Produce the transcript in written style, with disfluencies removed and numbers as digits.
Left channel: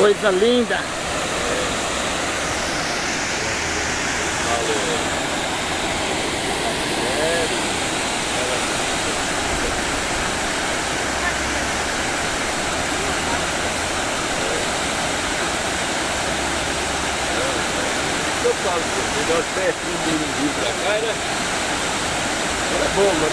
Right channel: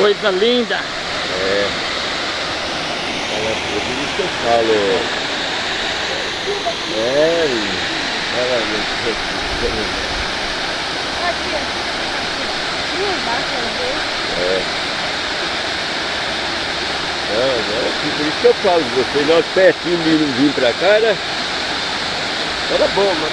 Coisa linda. Por isso que eu falo, você nós pertinho de vir pra cá, né? Era bom, mas